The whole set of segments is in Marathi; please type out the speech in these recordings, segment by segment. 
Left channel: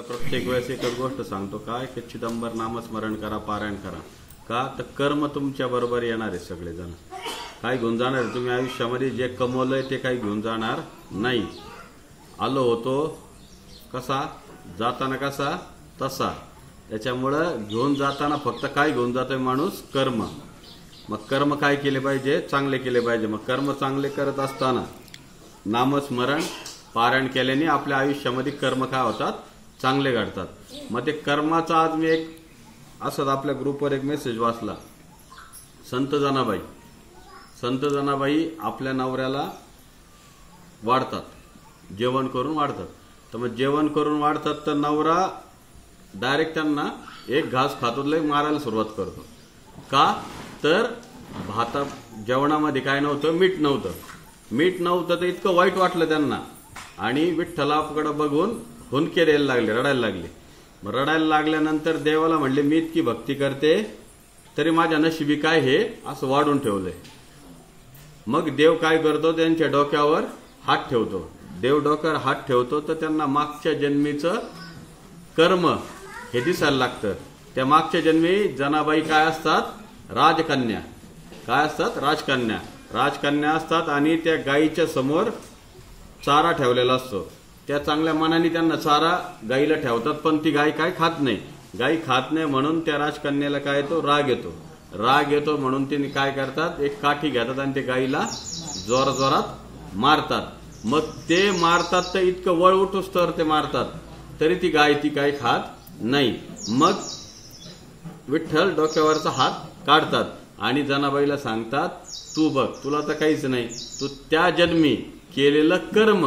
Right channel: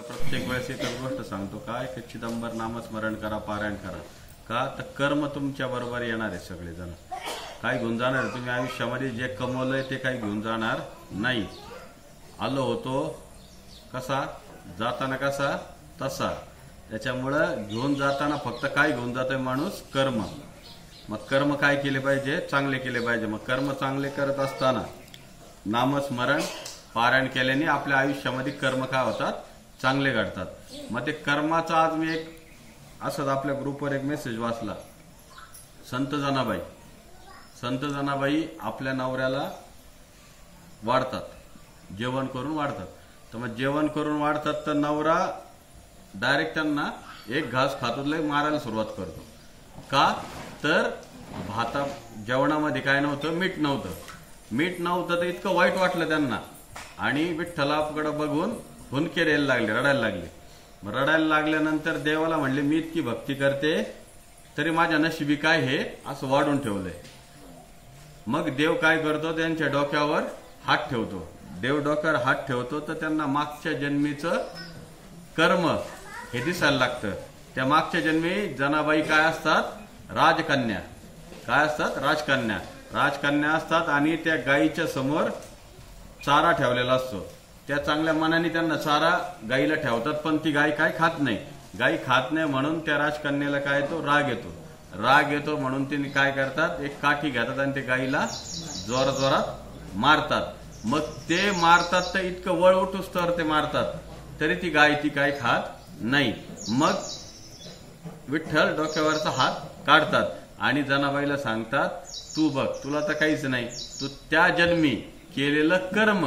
प्रत्येक वेळेस एकच गोष्ट सांगतो काय की चिदंबर नामस्मरण करा, पारायण करा. का तर कर्म तुमच्या बरोबर येणार आहे. सगळेजण काय घेऊन जाणार आहे. तुम्ही आयुष्यामध्ये जे कमवलंय ते काही घेऊन जाणार नाही. आलो होतो कसा, जाताना कसा तसा. त्याच्यामुळं घेऊन जाताना फक्त काय घेऊन जातोय माणूस, कर्म. मग कर्म काय केले पाहिजे, चांगले केले पाहिजे. मग कर्म चांगले करत असताना नामस्मरण पारायण केल्याने आपल्या आयुष्यामध्ये कर्म काय होतात, चांगले घडतात. मग ते कर्माचा आज मी एक असंच आपल्या ग्रुपवर एक मेसेज वाचला. संत जनाबाई आपल्या नवऱ्याला वाढतात, जेवण करून वाढतात. तर मग जेवण करून वाढतात तर नवरा डायरेक्ट त्यांना एक घास खातो लय मारायला सुरुवात करतो. का तर जेवणामध्ये काय नव्हतं, मीठ नव्हतं तर इतकं वाईट वाटलं त्यांना. आणि विठ्ठलाकडे बघून हुंदके द्यायला लागले, रडायला लागले. मग रडायला लागल्यानंतर देवाला म्हणले मी इतकी भक्ती करते तरी माझ्या नशिबी काय हे असं वाढून ठेवलंय. मग देव काय करतो, त्यांच्या डोक्यावर हात ठेवतो. देव डोक्यावर हात ठेवतो तर त्यांना मागच्या जन्मीचं कर्म हे दिसायला लागतं. त्या मागच्या जन्मी जनाबाई काय असतात, राजकन्या. काय असतात, राजकन्या असतात. आणि त्या गायीच्या समोर चारा ठेवलेला असतो. त्या चांगल्या मनाने त्यांना चारा गायीला ठेवतात, पण ती गाय काय खात नाही. गाय खात नाही म्हणून त्या राजकन्याला काय येतो, राग येतो म्हणून ते काय करतात, एक काठी घेतात आणि ते गायीला जोरात मारतात. मग ते मारतात तर इतकं वळ उठूस तर ते मारतात तरी ती गाय काय खात नाही. मग विठ्ठल डोक्यावरचा हात काढतात आणि जनाबाईला सांगतात तू बघ, तुला तर काहीच नाही, तू त्या जन्मी केलेलं कर्म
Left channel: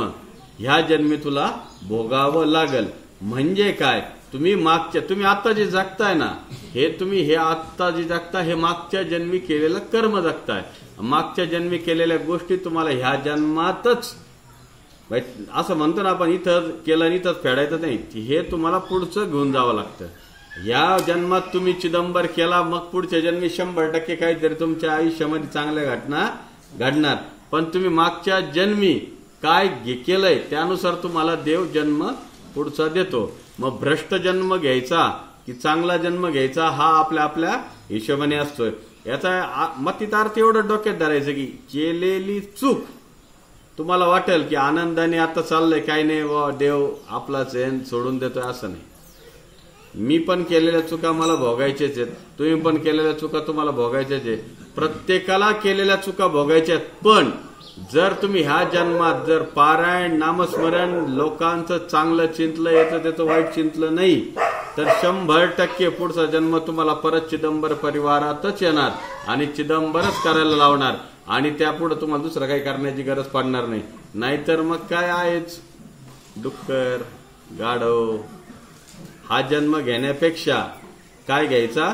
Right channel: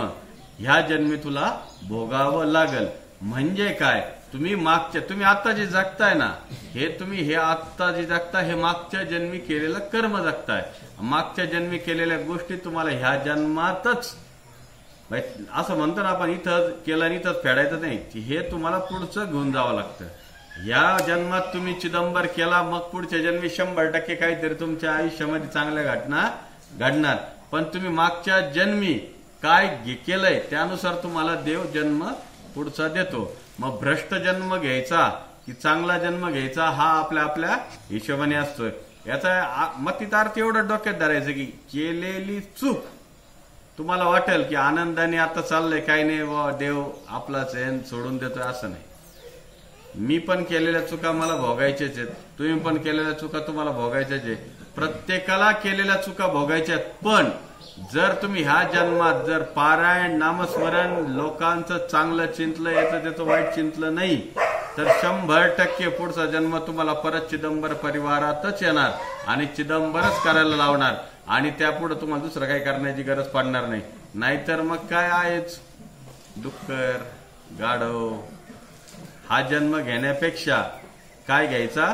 ह्या जन्मी तुला भोगावं लागल. म्हणजे काय, तुम्ही आता जे जगताय ना, हे आता जे जगताय हे मागच्या जन्मी केलेलं कर्म जगताय. मागच्या जन्मी केलेल्या गोष्टी तुम्हाला ह्या जन्मातच, असं म्हणतो ना आपण, इथं केलं आणि इथंच फेडायचं नाही. हे तुम्हाला पुढचं घेऊन जावं लागतं. या जन्मात तुम्ही चिदंबर केला, मग पुढच्या जन्मी 100% काहीतरी तुमच्या आयुष्यामध्ये चांगल्या घटना घडणार. पण तुम्ही मागच्या जन्मी काय केलंय त्यानुसार तुम्हाला देव जन्म पुढचा देतो. मग भ्रष्ट जन्म घ्यायचा की चांगला जन्म घ्यायचा हा आपल्या हिशोबाने असतोय. याचा मतितार्थ एवढं डोक्यात धरायचं की केलेली चूक तुम्हाला वाटेल की आनंदाने आता चाललंय, काही नाही देव आपलाच आहे सोडून देतोय, असं नाही. मी पण केलेल्या चुका मला भोगायच्याच आहेत, तुम्ही पण केलेल्या चुका तुम्हाला भोगायच्याच आहे. प्रत्येकाला केलेल्या चुका भोगायच्या आहेत. पण जर तुम्ही ह्या जन्मात जर पारायण नामस्मरण लोकांचं चांगलं चिंतलं, येतं त्याचं वाईट चिंतलं नाही तर 100% पुढचा जन्म तुम्हाला परत चिदंबर परिवारातच येणार आणि चिदंबरच करायला लावणार. आणि त्यापुढे तुम्हाला दुसरं काही करण्याची गरज पडणार नाही. नाहीतर मग काय आहेच डुक्कर गाढव. हा जन्म घेण्यापेक्षा काय घ्यायचा,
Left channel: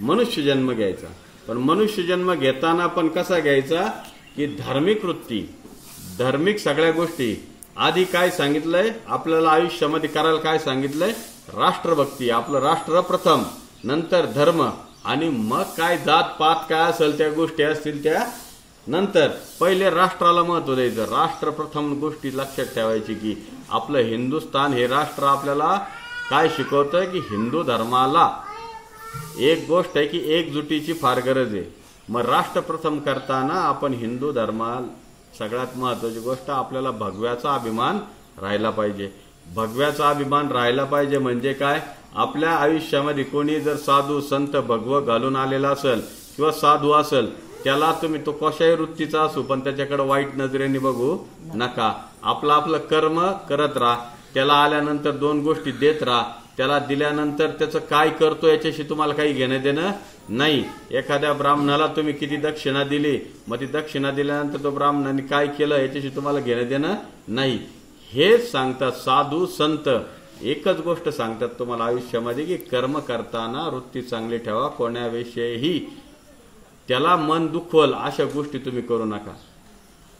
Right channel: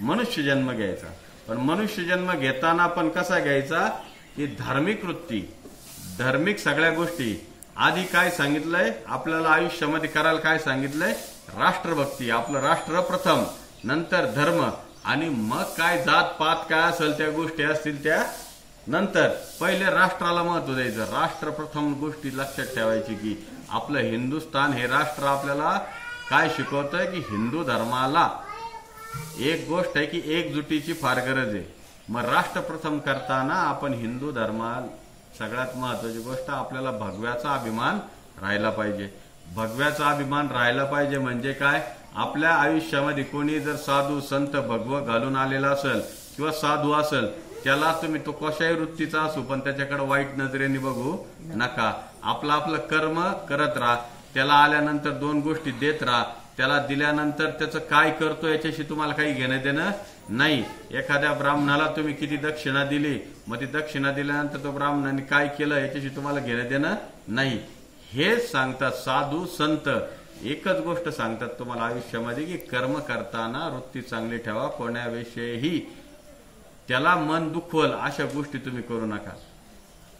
मनुष्य जन्म घ्यायचा. पण मनुष्य जन्म घेताना पण कसा घ्यायचा की धार्मिक वृत्ती, धार्मिक सगळ्या गोष्टी. आधी काय सांगितलंय आपल्याला आयुष्यामध्ये करायला, काय सांगितलंय, राष्ट्रभक्ती. आपलं राष्ट्र प्रथम, नंतर धर्म, आणि मग काय जात पात काय असेल त्या गोष्टी असतील त्या नंतर. पहिले राष्ट्राला महत्व द्यायचं. राष्ट्र प्रथम गोष्टी लक्षात ठेवायची की आपलं हिंदुस्थान हे राष्ट्र आपल्याला काय शिकवतंय की हिंदू धर्माला एक गोष्ट आहे की एकजुटीची फार गरज आहे. मग राष्ट्र प्रथम करताना आपण हिंदू धर्माला सगळ्यात महत्वाची गोष्ट आपल्याला भगव्याचा अभिमान राहिला पाहिजे. भगव्याचा अभिमान राहिला पाहिजे म्हणजे काय, आपल्या आयुष्यामध्ये कोणी जर साधू संत भगवं घालून आलेला असेल किंवा साधू असेल, त्याला तुम्ही तो कशाही वृत्तीचा असू पण त्याच्याकडे वाईट नजरेने बघू नका. आपलं कर्म करत राहा. त्याला आल्यानंतर 2 गोष्टी देत राहा. त्याला दिल्यानंतर त्याचं काय करतो याच्याशी तुम्हाला काही घेणं देणं नाही. एखाद्या ब्राह्मणाला तुम्ही किती दक्षिणा दिली, मग ती दक्षिणा दिल्यानंतर तो ब्राह्मणाने काय केलं याच्याशी तुम्हाला घेणं देणं नाही. हेच सांगतात साधू संत, एकच गोष्ट सांगतात तुम्हाला आयुष्यामध्ये की कर्म करताना वृत्ती चांगली ठेवा. कोणाविषयीही त्याला मन दुखवल अशा गोष्टी तुम्ही करू नका.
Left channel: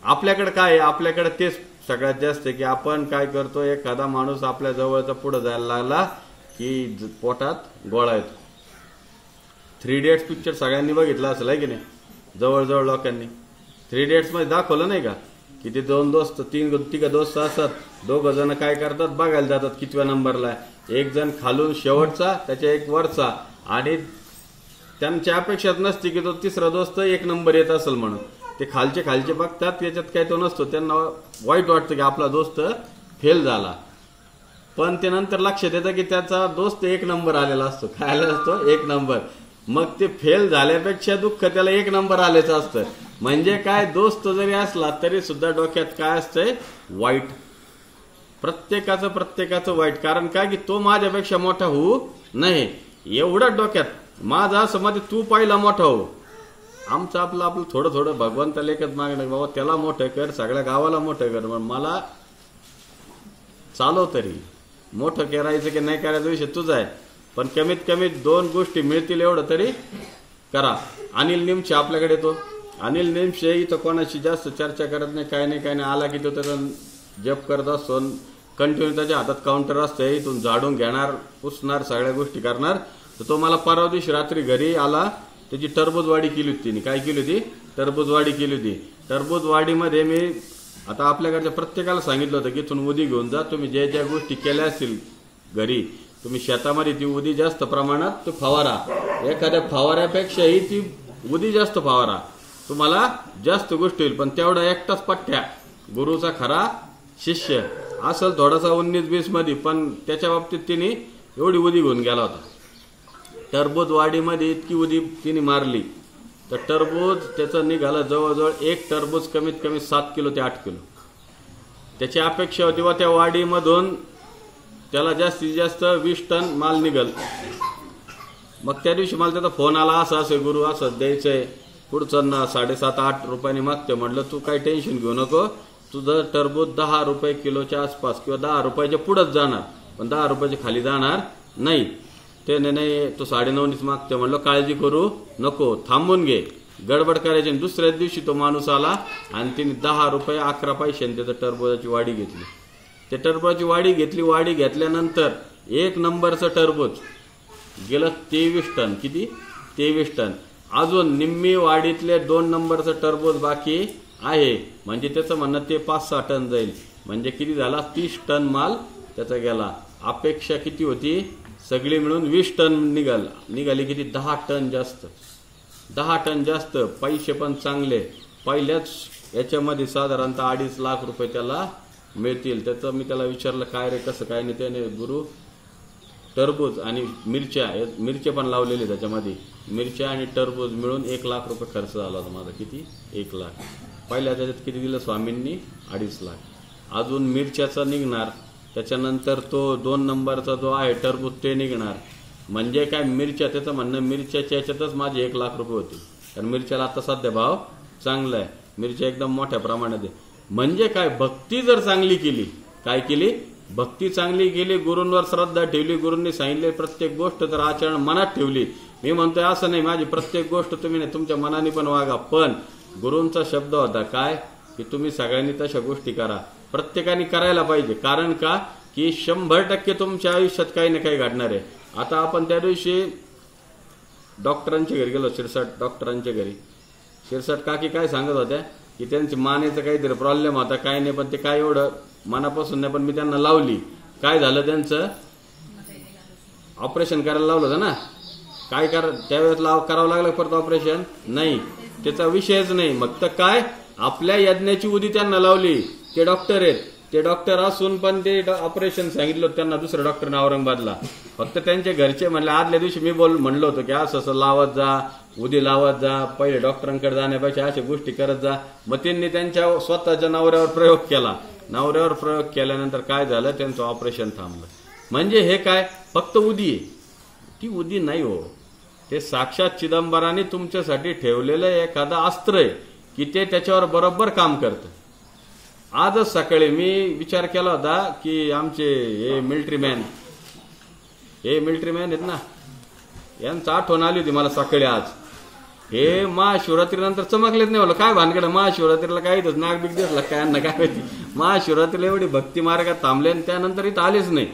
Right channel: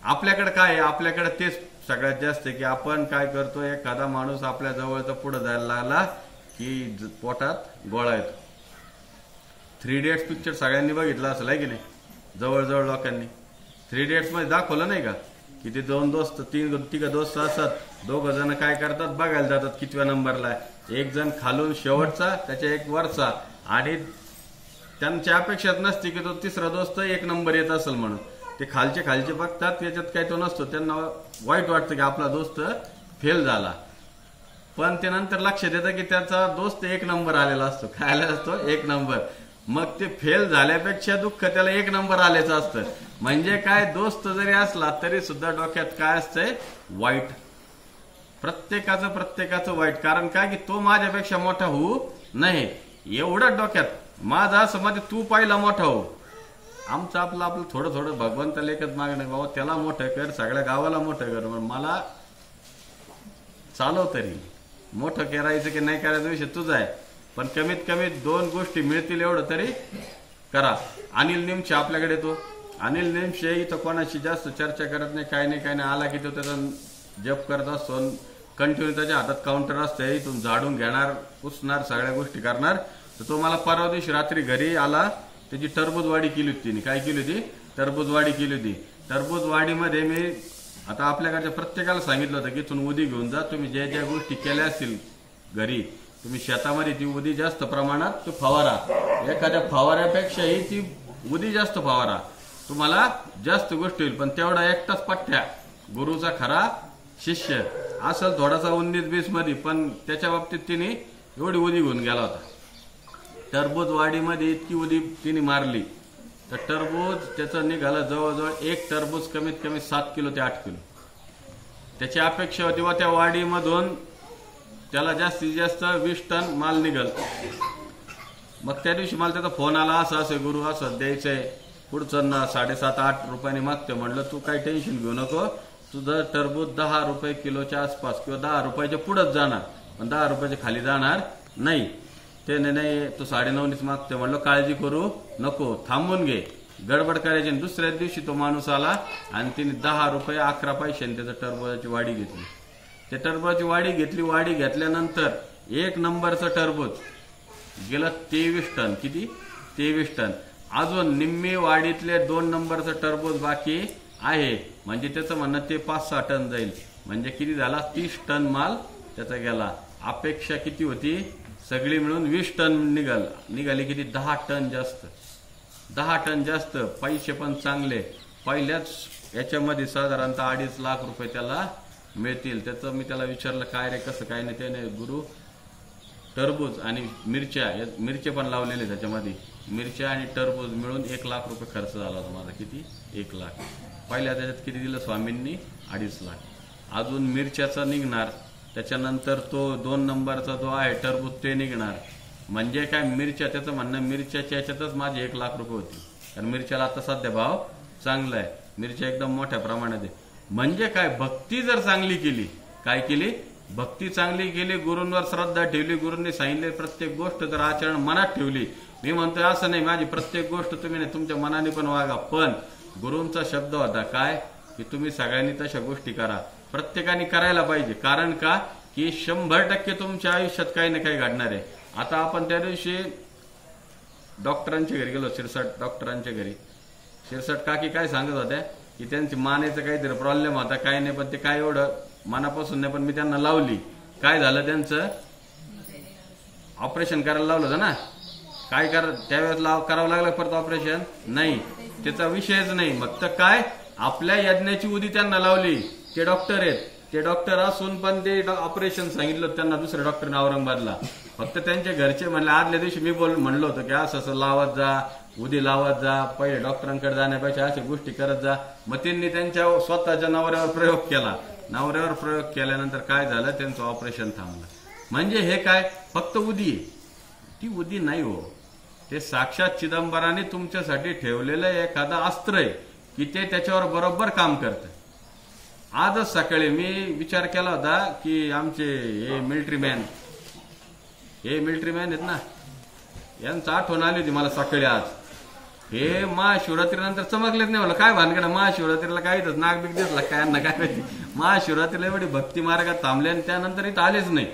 आपल्याकडे काय आहे, आपल्याकडे तेच सगळ्यात जास्त आहे की आपण काय करतो, एखादा माणूस आपल्या जवळचा पुढे जायला लागला की पोटात गोळा येतो. 3 इडियट्स पिक्चर सगळ्यांनी बघितला असेल आहे की नाही, जवळजवळ लोकांनी. 3 इडियट्स मध्ये दाखवलं नाही का की ते 2 दोस्त 3 दोस्त असतात दोघ जण काय करतात बघायला जातात कितव्या नंबरला आहे. एक जण खालून शेवटचा, त्याच्या एक वरचा, आणि त्यांची अपेक्षाच नसते की तो तिसरा दोस्त एक नंबर येत असेल म्हणून. ते खालचे बघतात, याच्यात काय तो नसतो. त्यांना वाईट वाटतं की आपला दोस्त फेल झाला, पण ते नंतर लक्षात येतं की त्याचा दोस्त एक नंबर आलेला असतो. काय आलेला असतो? एक नंबर. मग ते फेल झाल्यापेक्षा दुःख त्याला एक नंबर आल्याचं असतं. म्हणजे काय, दोस्त जरी असला तरी सुद्धा डोक्यात काय असतंय? वाईट. प्रत्येकाचं वाईट. कारण काय की तो माझ्यापेक्षा मोठा होऊ नये एवढं डोक्यात. माझं असं मध्ये तू पाहिला मोठा हो. आमचं आपलं थोडं भगवंताला एकच मागणं, बाबा त्याला मोठं कर, सगळ्या गावाला मोठं कर, मला चालव तरी. मोठं करायचं की नाही करायचा विषय तुझा आहे, पण कमीत कमी 2 गोष्टी मिळतील एवढं तरी करा. अनिल निमशे आपल्याकडे येतो. अनिल निमशे इथं कोणाशी जास्त चर्चा करत नाही, काय नाही. आला की तो त्याचा जप करत असतो, कंटिन्यू त्याच्या हातात काउंटर असतं, इथून झाडून घेणार, पुसणार, सगळ्या गोष्टी करणार. तर तो मला परवा दिवशी रात्री घरी आला. त्याची टरबूजवाडी केली होती तिने. काय केली होती? टरबूजवाडी केली होती. टरबूजवाडीमध्ये मी आता आपल्याकडच्या प्रत्येकाला सांगितलं होतं की इथून उदी घेऊन जा. तुम्ही ज्या गोष्टी केल्या असतील घरी, तुम्ही शेतामध्ये ती उदी जास्त प्रमाणात तो फवारा. एखाद्या फवाऱ्यापेक्षाही ती उदी जास्त फवारा, तुम्हाला जास्त गोष्टी होईल. पण तेवढा एकटाच पठ्ठ्या गुरुचा खरा शिष्य असेल, थोडासा 19-20 मध्ये, पण त्याच्या बाबतीत तिने एवढी उदी घेऊन गेला होता. टरबूजवाडीमध्ये इतकी उदी तिने मारली तर टरबूज त्याचं निघालं जवळजवळ एक टरबूज कमीत कमी 7 किलो ते 8 किलो. त्याची अपेक्षा होती व त्या वाडीमधून त्याला जास्तीत जास्त 20 टन माल निघल. मग त्या दिवशी मला त्याचा फोन आला, असं गुरु असं द्यायचंय, पुढचं 7.5-8 रुपयांनी मागते. म्हणलं तू काही टेन्शन घेऊ नको, तुझं टरबूज 10 रुपये किलोच्या आसपास किंवा 10 रुपयाच्या पुढेच जाणार, पण 10 रुपयाच्या खाली जाणार नाही. ते नाही, तू 9.5नीच मागते. म्हणलं काळजी करू नको, थांबून घे, गडबड करायची. दुसऱ्याच दिवशी तो माणूस आला आणि तिने 10 रुपये 11 पैशांनी त्याचं टरबूजाची वाडी घेतली. ते टरबूजाची वाडी घेतली. वाडी घेतल्यानंतर 1 नंबरचं टरबूज गेलं 23 टन. किती? 23 टन. अजून निम्मी वाडीतले 2 नंबरचं टरबूज बाकी आहे. म्हणजे त्याचं म्हणणं ते 5-6 टन जाईल. म्हणजे किती झाला? 30 टन माल त्याचा गेला. अपेक्षा किती होती? सगळी मिळून 20 टन निघाली. किती? 10 टन जास्त. 10 टन जास्त. पैसे पण चांगले. पहिल्याच याच्यामध्ये साधारणतः 2.5 लाख रुपये त्याला मिळतील. त्याचं मी त्याला विचारलं काय रे, कसं काय नाही. त्याने गुरु टरबूज आणि मिरच्या पण लावलेले त्याच्यामध्ये. मिरच्या आणि टरबूज मिळून 1 लाख रुपये खर्च झाला होता माझा. किती? 1 लाख. पहिल्या त्याच्यात किती दिलं स्वामींनी? 2.5 लाख. अजून मिरच्याचा निघणार, त्याच्यानंतर तो 2 नंबरचा जो आहे टरबूज ते निघणार. म्हणजे काय, मिरच्या, त्याचं म्हणणं मिरच्याच्या याच्यातच माझे 1 लाख रुपये होते. कारण मिरच्याला आता सध्या भाव चांगला आहे, मिरच्या एकदम मोठ्या प्रमाणात आहे. म्हणजे काय, भक्ती जर चांगली केली, काय केली? भक्ती चांगली केली, गुरूंवर श्रद्धा ठेवली, गुरूंनी सांगितले प्रत्येक गोष्ट जर आचरण मनात ठेवली. मी म्हणतोय असं नाही माझी प्रत्येक गोष्ट तुम्ही नाही, तुमच्या मनाने पण वागा, पण गुरूंचा शब्द होता काय की तुम्ही सगळ्यांनी तशा गोष्टी करा. प्रत्येकाने करायला पाहिजे. कारण का की 100% तुमच्या आयुष्यात काही ना काही घडणार आहे. आता आपण त्या दिवशी डॉक्टरांच्या घरी गेलो, शिरसाट डॉक्टरांच्या घरी. शिरसाट काकी काय सांगत होत्या की त्यांची मानेचा काहीतरी प्रॉब्लेम होता, काय नाही, पण ते काय एवढं मनापासून नाही, पण मी त्यांना लावली. काय झालं, त्यांचं ऑपरेशन करायला लावलं होतं ना. काय त्यावेळेस करावं लागलं परत ऑपरेशन? नाही, त्याचा विषयच नाही. मग तर काय, आपल्या यज्ञाची उदी त्यांना लावली. ते डॉक्टर आहेत, ते डॉक्टर असून पण ते ऑपरेशन सांगितलं त्यांना दुसऱ्या डॉक्टरने औरंगाबादला. फक्त त्यांच्या घरचे म्हणले, आदल्या दिवशी मी म्हणलो होतो की असं लावत जा, उदी लावत जा, पहिले डॉक्टरांकडे जाण्यापेक्षा अशा गोष्टी करत जा. मग त्यांनी त्यांच्या स्वतःच्या नवऱ्यावर प्रयोग केला. नवऱ्यावर प्रयोग केल्यानंतर काय झालं, त्यांचं ऑपरेशन थांबलं. म्हणजे हे काय, फक्त उदी आहे, ती उदी नाही हो, ते साक्षात चिदंबराने तुमच्यासाठी ठेवलेलं एखादं अस्त्र आहे की ते त्याच्यावर बरोबर काम करतं. आजच सकाळी मी विचार केला होता की आमचे हे मिलिटरी मॅन आहेत ना, यांचं आठवण आली होती मला सकाळी. आज हे महाशिवरात्रीनंतर चमकलेच नाही. मला काय भानगड, महाशिवरात्रीला काय इथंच नागबिक दिसला काय यांना काय माहिती. महाशिवरात्रीला एवढी भक्ती मार्गात थांबले आणि त्यानंतर इथं आलेच नाही,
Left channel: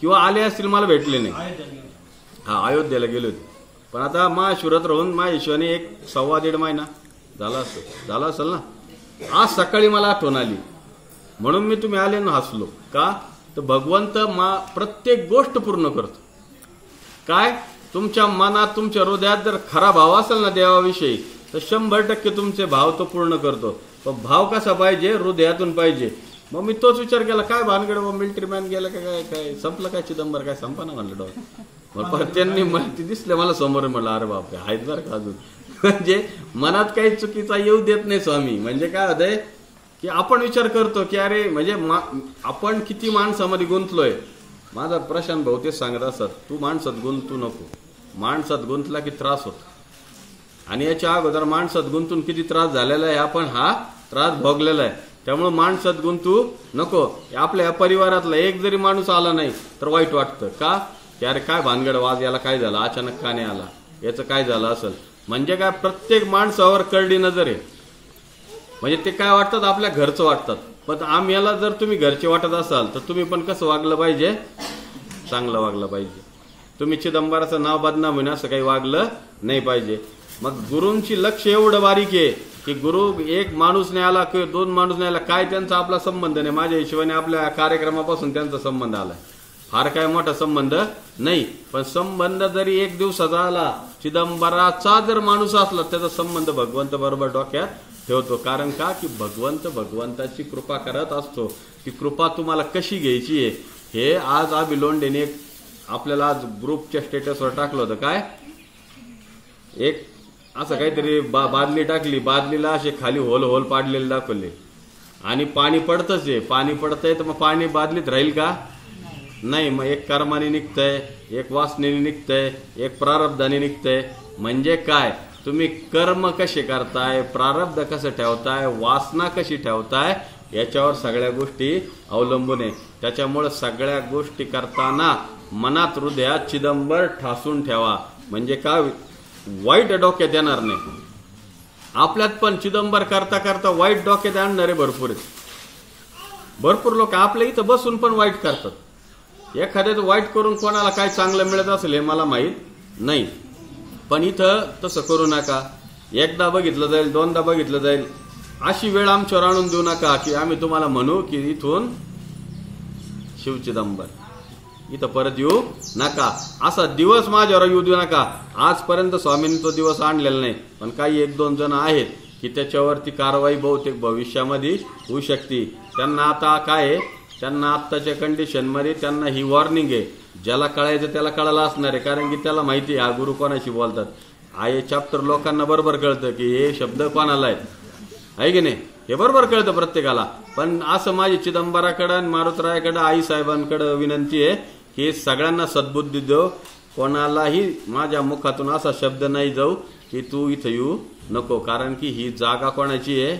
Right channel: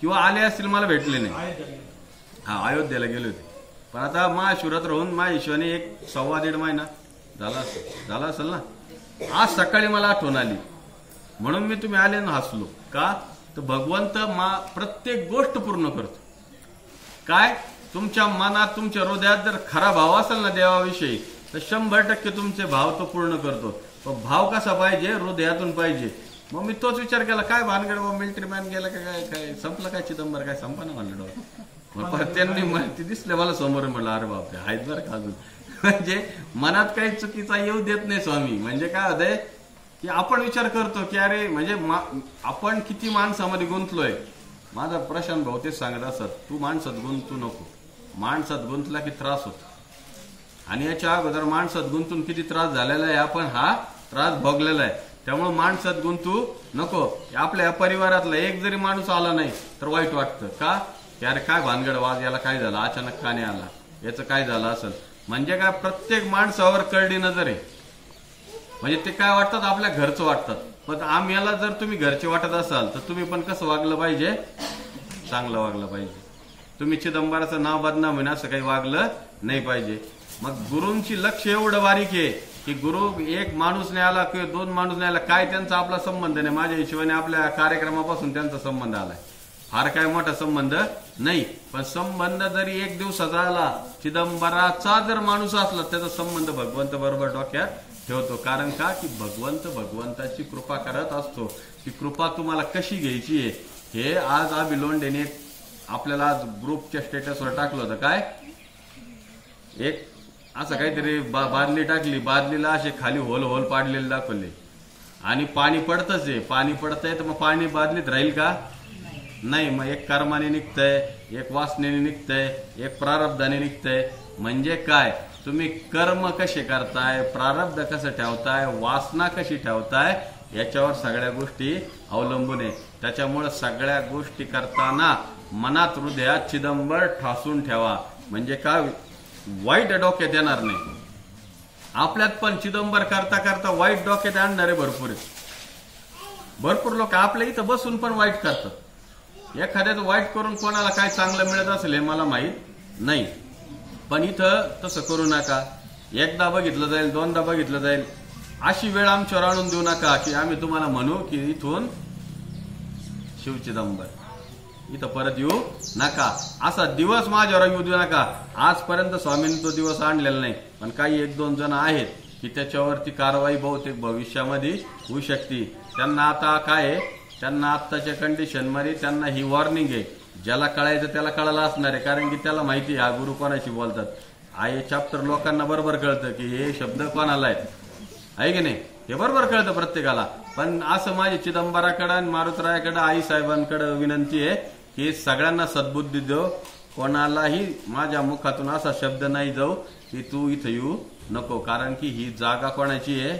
किंवा आले असतील मला भेटले नाही. हा, अयोध्येला गेले होते. पण आता महाशिवरात्र होऊन महाशिवानी 1-1.25 महिना झाला असेल ना. आज सकाळी मला आठवण आली म्हणून मी तुम्ही आले ना हसलो का, तर भगवंत प्रत्येक गोष्ट पूर्ण करतो. काय तुमच्या मनात तुमच्या हृदयात जर खरा भाव असेल ना देवाविषयी, तर 100% तुमचे भाव तो पूर्ण करतो. पण भाव कसा पाहिजे, हृदयातून पाहिजे. मग मी तोच विचार केला, काय भानगड मिलिटरी मॅन गेला काय, काय संपलं काय चिदंबर, काय संपना म्हणलं डॉ. मग त्यांनी माहिती दिसले मला समोर, म्हणलं अरे बापरे आहेत बरं का अजून. म्हणजे मनात काही चुकीचा येऊ देत नाही स्वामी. म्हणजे काय होतंय की आपण विचार करतो की अरे म्हणजे आपण किती माणसामध्ये गुंतलोय. माझा प्रशांत भाऊ तेच सांगत असत, तू माणसात गुंतू नको, माणसात गुंतला की त्रास होतो. आणि याच्या अगोदर माणसात गुंतून किती त्रास झालेला आहे, आपण हा त्रास भोगलेला आहे. त्यामुळे माणसात गुंतू नको. आपल्या या परिवारातला एक जरी माणूस आला नाही तर वाईट वाटतं का, की अरे काय भानगड, वाज याला काय झालं, अचानक का नाही आला, याचं काय झालं असेल. म्हणजे काय प्रत्येक माणसावर करडी नजर आहे. म्हणजे ते काय वाटतात, आपल्या घरचं वाटतात. पण आम्हाला जर तुम्ही घरचे वाटत असाल तर तुम्ही पण कसं वागलं पाहिजे, चांगलं वागलं पाहिजे. तुम्ही चिदंबराचं नाव बदनाम होईन असं काही वागलं नाही पाहिजे. मग गुरूंची लक्ष एवढं बारीक आहे की गुरु एक माणूस नाही आला किंवा 2 माणूस नाही आला, काय त्यांचा आपला संबंध नाही. माझ्या हिशोबाने आपल्या कार्यक्रमापासून त्यांचा संबंध आलाय, फार काय मोठा संबंध नाही. पण संबंध जरी 1 दिवसाचा आला, चिदंबराचा जर माणूस असला त्याचा संबंध भगवंत बरोबर डोक्यात ठेवतो. कारण का, की भगवंताची कृपा करत असतो. ती कृपा तुम्हाला कशी घ्यायची आहे हे आज लोंढेने आपल्याला आज ग्रुपच्या स्टेटसवर टाकलं होतं. काय एक असं काहीतरी बादली टाकली, बादलीला असे खाली होल पाडलेले दाखवले आणि पाणी पडतच आहे. पाणी पडतंय तर मग पाणी बादलीत राहील का, नाही. मग एक कर्माने निघतंय, एक वासनेने निघतंय, एक प्रारब्धाने निघतंय. म्हणजे काय, तुम्ही कर्म कसे करताय, प्रारब्ध कसं ठेवताय, वासना कशी ठेवताय, याच्यावर सगळ्या गोष्टी अवलंबून आहे. त्याच्यामुळे सगळ्या गोष्टी करताना मनात हृदयात चिदंबर ठासून ठेवा. म्हणजे काय, वाईट डोक्यात येणार नाही. आपल्यात पण चिदंबर करता करता वाईट डोक्यात आणणारे भरपूर आहेत. भरपूर लोक आपल्या इथं बसून पण वाईट करतात. एखाद्याचं वाईट करून कोणाला काय चांगलं मिळत असेल हे मला माहित नाही. पण इथं तसं करू नका. एकदा बघितलं जाईल, 2दा बघितलं जाईल, अशी वेळ आमच्यावर आणून देऊ नका की आम्ही तुम्हाला म्हणू की इथून शिवचिदंबर, इथं परत येऊ नका. असा दिवस माझ्यावर येऊ देऊ नका. आजपर्यंत स्वामींनी तो दिवस आणलेला नाही. पण काही 1-2 जण आहेत की त्याच्यावरती कारवाई बहुतेक भविष्यामध्ये होऊ शकते. त्यांना आता काय आहे, त्यांना आत्ताच्या कंडिशनमध्ये त्यांना ही वॉर्निंग आहे. ज्याला कळायचं त्याला कळायला असणार आहे. कारण की त्याला माहिती आहे हा गुरु कोणाशी बोलतात. हे चॅप्टर लोकांना बरोबर कळतं की हे शब्द कोणाला आहेत, आहे की नाही, हे बरोबर कळतं प्रत्येकाला. पण असं माझी चिदंबराकडे आणि मारुतरायाकडे, आई साहेबांकडे विनंती आहे की सगळ्यांना सद्बुद्धी देव. कोणालाही माझ्या मुखातून असा शब्द नाही जाऊ की तू इथं येऊ नको. कारण की ही जागा कोणाची आहे,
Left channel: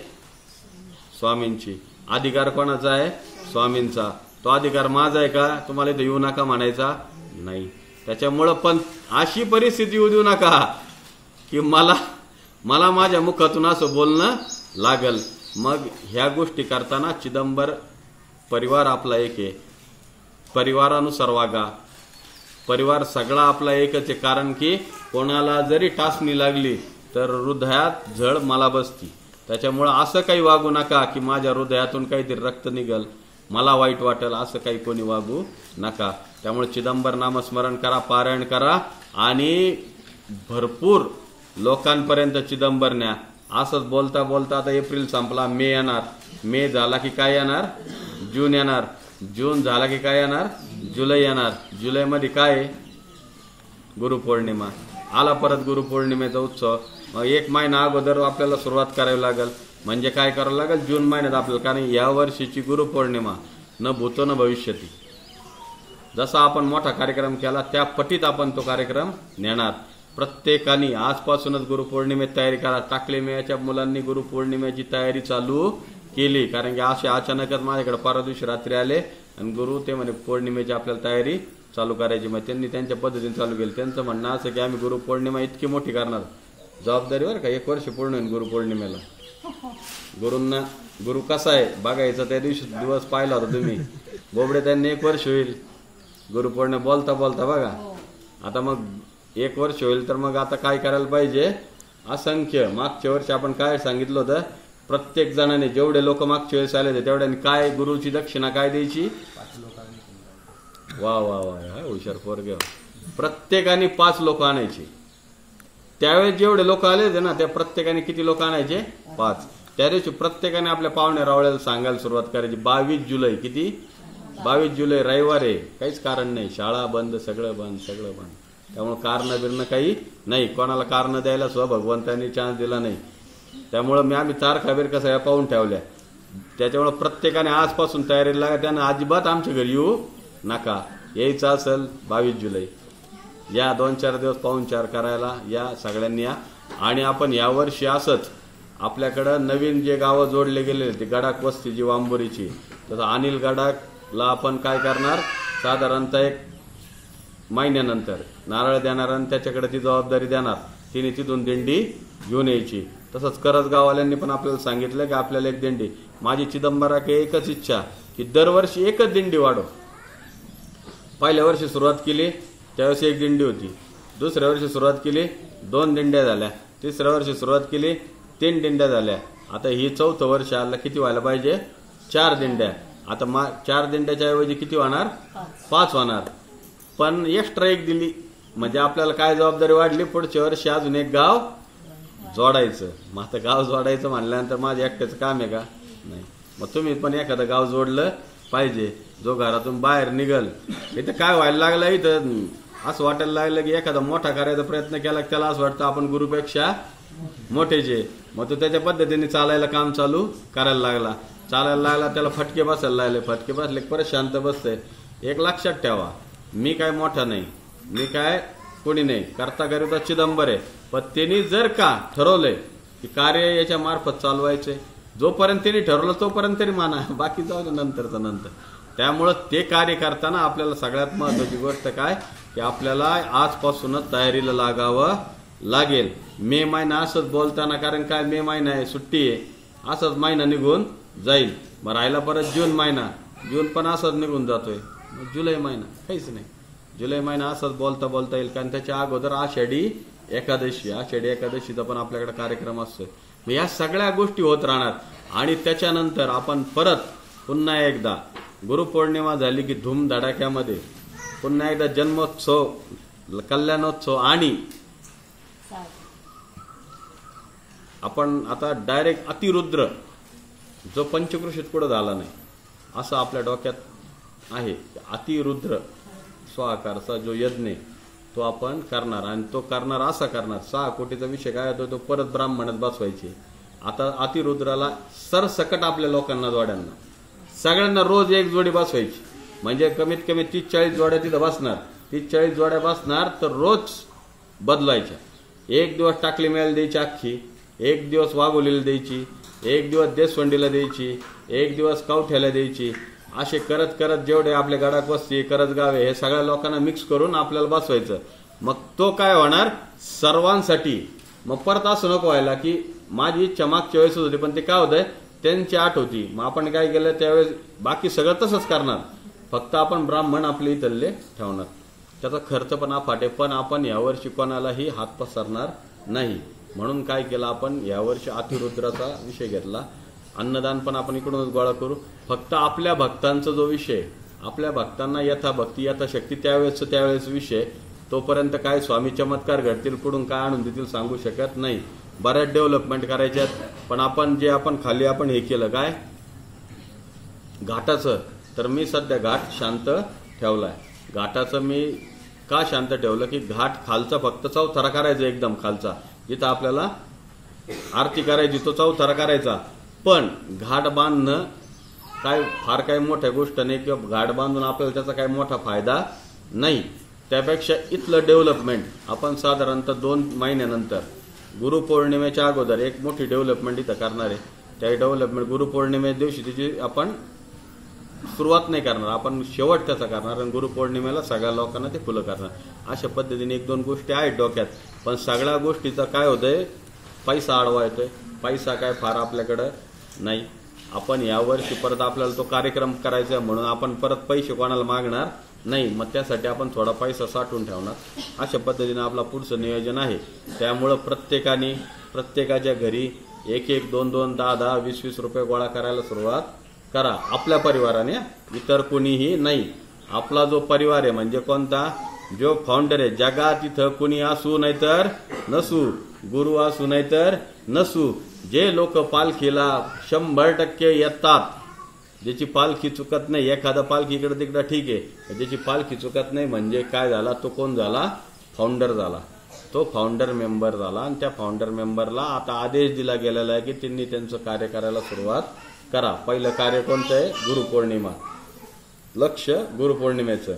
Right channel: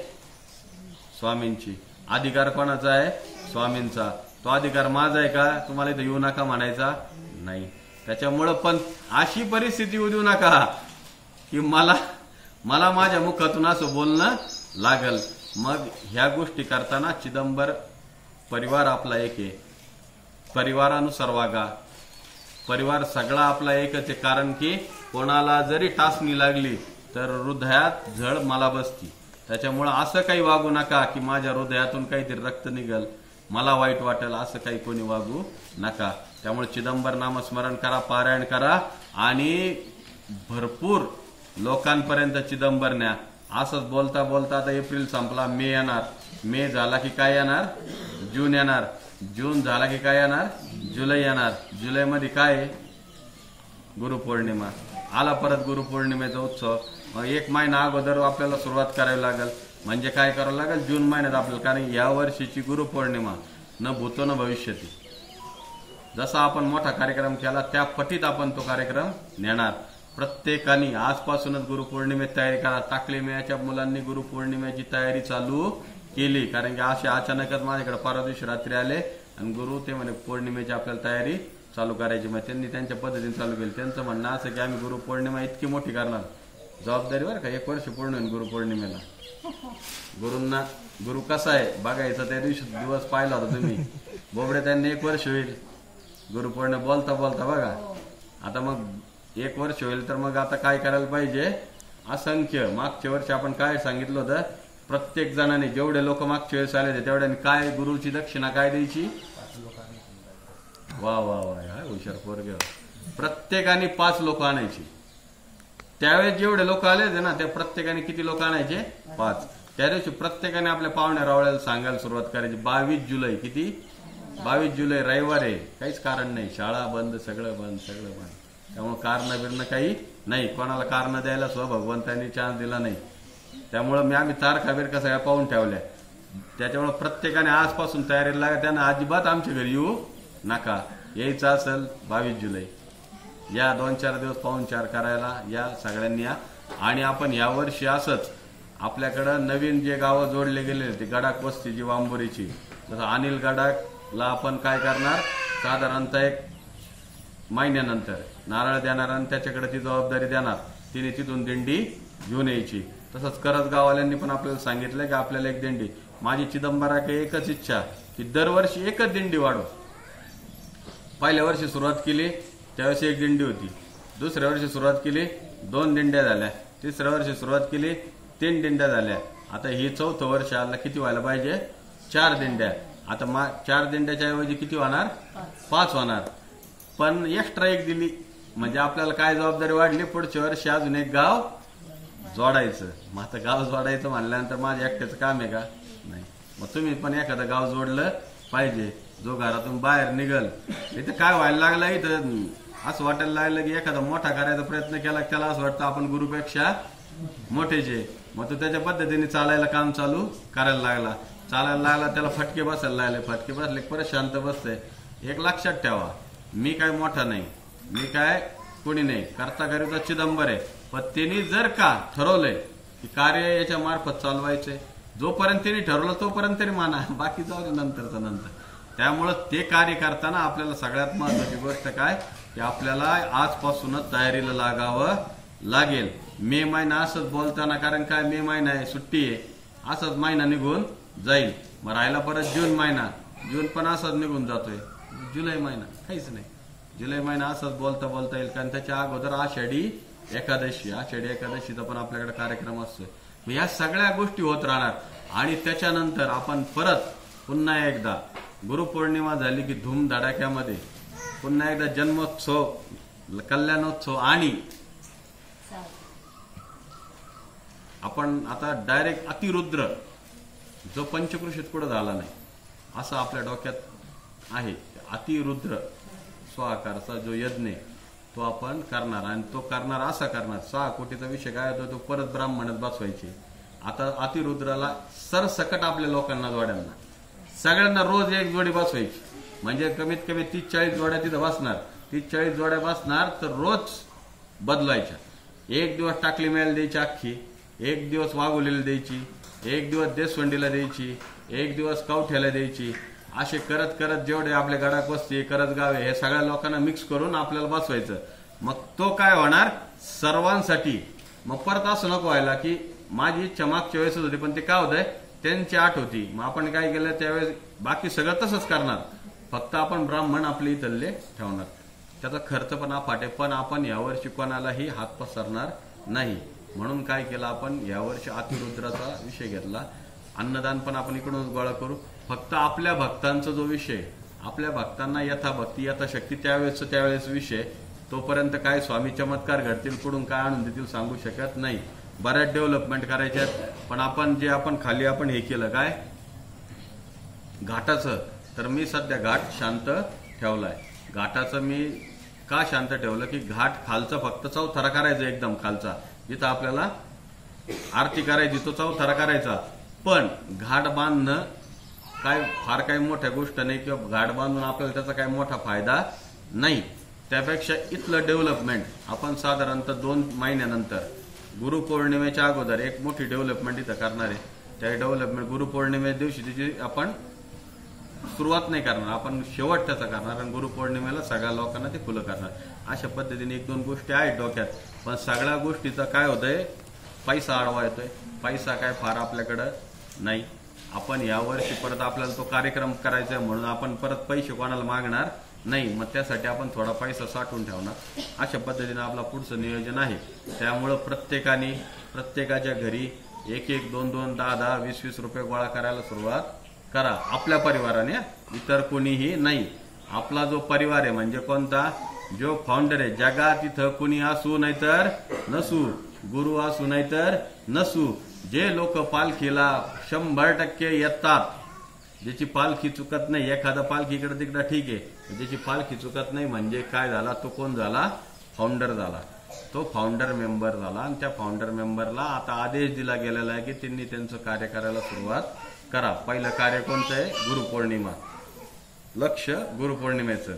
स्वामींची. अधिकार कोणाचा आहे, स्वामींचा. तो अधिकार माझा आहे का तुम्हाला इथं येऊ नका म्हणायचा नाही. त्याच्यामुळं पण अशी परिस्थिती येऊ देऊ नका की मला माझ्या मुखातून असं बोलणं लागल. मग ह्या गोष्टी करताना चिदंबर परिवार आपला एक आहे. परिवारानुसार वागा. परिवार सगळा आपला एकच आहे. कारण की कोणाला जरी टाचणी लागली तर हृदयात झळ मला बसती. त्याच्यामुळं असं काही वागू नका की माझ्या हृदयातून काहीतरी रक्त निघल, मला वाईट वाटेल, असं काही कोणी वागू नका. त्यामुळे चिदंबर नामस्मरण करा, पारायण करा आणि भरपूर लोकांपर्यंत चिदंबर न्या. असंच बोलता बोलता आता एप्रिल संपला, मे येणार. मे झाला की काय येणार, जून येणार. जून झाला की काय येणार, जुलै येणार. जुलैमध्ये काय आहे, गुरुपौर्णिमा. आला परत गुरुपौर्णिमेचा उत्सव. मग 1 महिना अगोदर आपल्याला सुरुवात करावी लागेल. म्हणजे काय करावं लागेल, जून महिन्यात आपल्याला. कारण या वर्षीची गुरुपौर्णिमा न भूतो न भविष्यती. जसा आपण मोठा कार्यक्रम केला त्या पटीत आपण तो कार्यक्रम नेणार. प्रत्येकाने आजपासूनच गुरुपौर्णिमेत तयारी करा. टाकले मेयाच्या मुलांनी गुरुपौर्णिमेची तयारी चालू केली. कारण की असे अचानकच माझ्याकडे परवा दिवशी रात्री आले आणि गुरु ते म्हणे पौर्णिमेची आपल्याला तयारी चालू करायची. मग त्यांनी त्यांच्या पद्धतीने चालू केली. त्यांचं म्हणणं असं की आम्ही गुरुपौर्णिमा इतकी मोठी करणार. जबाबदारी बरं का, 1 वर्ष पूर्ण होईल गुरुपौर्णिमेला. गुरूंना गुरु कसा आहे बघायचा. त्या दिवशी दिवस पाहिला होता तुम्ही, बोबडे त्यांनी 1 वर्ष होईल गुरुपौर्णिमा बोलता बोलता बघा. आता मग 1 वर्ष होईल तर मग आता काय करायला पाहिजे, असंख्य. मागच्या वर्षी आपण काय सांगितलं होतं, प्रत्येक जणाने जेवढे लोक मागच्या वेळेस आले होते तेवढ्याने काय गुरुची दक्षिणा काय द्यायची? वा वा वा, हाय हुशार पोरगे. प्रत्येकाने 5 लोक आणायची. त्यावेळेस जेवढे लोक आले होते ना त्या प्रत्येकाने किती लोक आणायचे? 5. त्या दिवशी प्रत्येकाने आपल्या पाहुण्या रावळ्याला सांगायला सुरुवात करायची. 22 जुलै. किती? 22 जुलै रविवार आहे, काहीच कारण नाही, शाळा बंद, सगळं बंद, सगळं बंद. त्यामुळे कारण बिरणं काही नाही, कोणाला कारण द्यायला सुद्धा भगवंतांनी चान्स दिला नाही. त्यामुळे आम्ही तारखा बिरखा सगळ्या पाहून ठेवल्या. त्याच्यामुळे प्रत्येकाने आजपासून तयारीला लागा. त्यानं अजिबात आमच्या घरी येऊ नका. यायचं असेल 22 जुलै या 2-4 दिवस पाहुणचार करायला या सगळ्यांनी या. आणि आपण यावर्षी असंच आपल्याकडं नवीन जे गावं जोडले गेले ते गडाक वस्ती जी वांबोरीची, तसं अनिल गडाकला आपण काय करणार, साधारणतः 1 महिन्यानंतर नारळ देणार आणि त्याच्याकडे ती जबाबदारी देणार. तिने तिथून दिंडी घेऊन यायची. तसंच करजगाववाल्यांनी पण आपल्याला सांगितलं की आपल्याला एक दिंडी. माझी चिदंबराकडे एकच इच्छा की दरवर्षी एकच दिंडी वाढव. पहिल्या वर्षी सुरुवात केली त्यावेळेस 1 दिंडी होती. दुसऱ्या वर्षी सुरुवात केली 2 दिंड्या झाल्या. तिसऱ्या वर्षी सुरुवात केली 3 दिंड्या झाल्या. आता ही 4थं वर्ष आलं, किती व्हायला पाहिजे? 4 दिंड्या. आता 4 दिंड्याच्या ऐवजी किती होणार? 5 होणार. पण एक्स्ट्रा 1 दिली म्हणजे आपल्याला काय जबाबदारी वाढली? पुढच्या वर्षी अजून 1 गाव जोडायचं. मग आता गाव जोडायचं म्हणल्यानंतर माझ्या एकट्याचं काम आहे का? नाही. मग तुम्ही पण एखादं गाव जोडलं पाहिजे. जो घरातून बाहेर निघल. इथं काय व्हायला लागलं, इथं असं वाटायला लागलं की एखादा मोठा करायचा प्रयत्न केला त्याला असं वाटतं आपण गुरुपेक्षा मोठेचे. मग तो त्याच्या पद्धतीने चालायला काम चालू करायला लागला. चालायला लागला त्याला फटके बसायला लागले. फटके बसले परत शांत बसतंय. एक लक्षात ठेवा, मी काय मोठा नाही, मी काय कोणी नाही, करता करिता चिदंबर आहे. पण त्यांनी जर का ठरवलंय की कार्य याच्या मार्फत चालवायचंय, जोपर्यंत त्यांनी ठरवलं तोपर्यंत तरी माना, बाकी जाऊ दे नंतरचं नंतर. त्यामुळं ते कार्य करताना आपल्याला सगळ्यात महत्वाची गोष्ट काय की आपल्याला आजपासूनच तयारीला लागावं लागेल. मे महिना असंच बोलताना, कारण काय मे महिना आहे, सुट्टी आहे, असंच महिना निघून जाईल. मग राहिला परत जून महिना, जून पण असंच निघून जातोय. जुलै महिना काहीच नाही. जुलै महिना असंच बोलता बोलता येईल. कारण त्याच्या अगोदर आषाढी एकादशी, आषाढी एकादशीचा पण आपल्याकडे कार्यक्रम असतो. मग या सगळ्या गोष्टी होत राहणार. आणि त्याच्यानंतर आपण परत पुन्हा एकदा गुरुपौर्णिमा झाली की धूमधडाक्यामध्ये पुन्हा एकदा जन्मोत्सव, कल्याणोत्सव आणि आपण आता डायरेक्ट अतिरुद्र जो पंचकृषीत कुठं झाला नाही असं आपल्या डोक्यात आहे. अतिरुद्र स्वाकारचा जो यज्ञ तो आपण करणार. आणि तो करणार असा करणार, 6 कोटीचा विषय काय होतो, तो परत ब्राह्मणात बसवायचे. आता अतिरुद्राला सरसकट आपल्या लोकांना, जोड्यांना सगळ्यांना रोज 1 जोडी बसवायची. म्हणजे कमीत कमी 30-40 जोड्या तिथं बसणार. 30-40 जोड्या बसणार तर रोज बदलायच्या. 1 दिवस टाकली मेल द्यायची अख्खी, 1 दिवस वाघोलीला द्यायची, 1 दिवस देशवंडीला द्यायची, 1 दिवस कवठ्याला द्यायची. असे करत करत जेवढे आपले गडाक वस्ती, करजगावे, हे सगळ्या लोकांना मिक्स करून आपल्याला बसवायचं. मग तो काय होणार सर्वांसाठी. मग परत असं नको व्हायला की माझी इच्छा मागच्या वेळेस होती पण ते काय होतंय त्यांची आठ होती, मग आपण काय केलं त्यावेळेस बाकी सगळं तसंच करणार, फक्त आपण ब्राह्मण आपले इथले ठेवणार. त्याचा खर्च पण अफाट आहे. पण आपण यावर्षी कोणालाही हात पसरणार नाही. म्हणून काय केलं आपण यावर्षी अतिरुद्राचा विषय घेतला. अन्नदान पण आपण इकडूनच गोळा करू. फक्त आपल्या भक्तांचा जो विषय, आपल्या भक्तांना यथाभक्ती यथाशक्ती त्यावेळेस विषय, तोपर्यंत काय स्वामी चमत्कार घडतील, कुठून काय आणून देतील सांगू शकत नाही. बऱ्याच डेव्हलपमेंट करायच्यात. पण आपण खाली आपण हे केलं काय घाटाचं, तर मी सध्या घाट शांत ठेवलाय. घाटाचं मी का शांत ठेवलं की घाट खालचा फक्त चौथरा करायचा, एकदम खालचा जिथं आपल्याला आरती करायची तो चौथरा करायचा. पण घाट बांधणं काय फार काही मोठ्या गोष्ट नाही किंवा घाट बांधून आपल्याला त्याचा काही मोठा फायदा नाही. त्यापेक्षा इथलं डेव्हलपमेंट आपण साधारणतः 2 महिन्यानंतर गुरुपौर्णिमेच्या अगोदर एक मोठी डेव्हलपमेंट इथं करणार आहे. त्या डेव्हलपमेंट गुरुपौर्णिमे दिवशी त्याची आपण सुरुवात नाही करणार, आपण शेवट त्याचा करणार आणि गुरुपौर्णिमेला सगळ्या लोकांना ते खुलं करणार. अशा पद्धतीने 1-2 गोष्टी आहेत डोक्यात. पण सगळ्या गोष्टीचा काय होतंय, पैसा आडवा येतोय. पैसा काय फार आपल्याकडं नाही. आपण यावर्षी परत आपल्याला तो कार्यक्रम करायचा आहे म्हणून आपण परत पैसे कोणाला मागणार नाही. मग त्यासाठी आपण थोडा पैसा साठवून ठेवणार. अशा पद्धतीने आपला पुढचं नियोजन आहे. त्यामुळं प्रत्येकाने प्रत्येकाच्या घरी एक एक दोन दोन 10 20 रुपये गोळा करायला सुरुवात करा आपल्या परिवाराने, इतर कोणीही नाही. आपला जो परिवार आहे म्हणजे कोणता, जो फाउंडर आहे. जगात इथं कुणी असू नाहीतर नसू, गुरु असू नाहीतर नसू, जे लोक पालखीला 100% येतात, ज्याची पालखी चुकत नाही, एखादा पालखी इकडे तिकडे ठीक आहे, ज्याची पालखी चुकत नाही म्हणजे काय झाला, तो कोण झाला, फाउंडर झाला. तो फाउंडर मेंबर झाला. आणि त्या फाउंडर मेंबरला आता आदेश दिला गेलेला आहे की त्यांनी त्यांचं कार्य करायला सुरुवात करा. पहिलं कार्य कोणतं आहे, गुरुपौर्णिमा, लक्ष गुरुपौर्णिमेचं.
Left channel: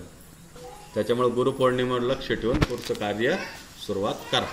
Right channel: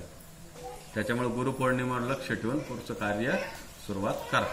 त्याच्यामुळे गुरुपौर्णिमेवर लक्ष ठेवून पुढचं कार्य सुरुवात करा.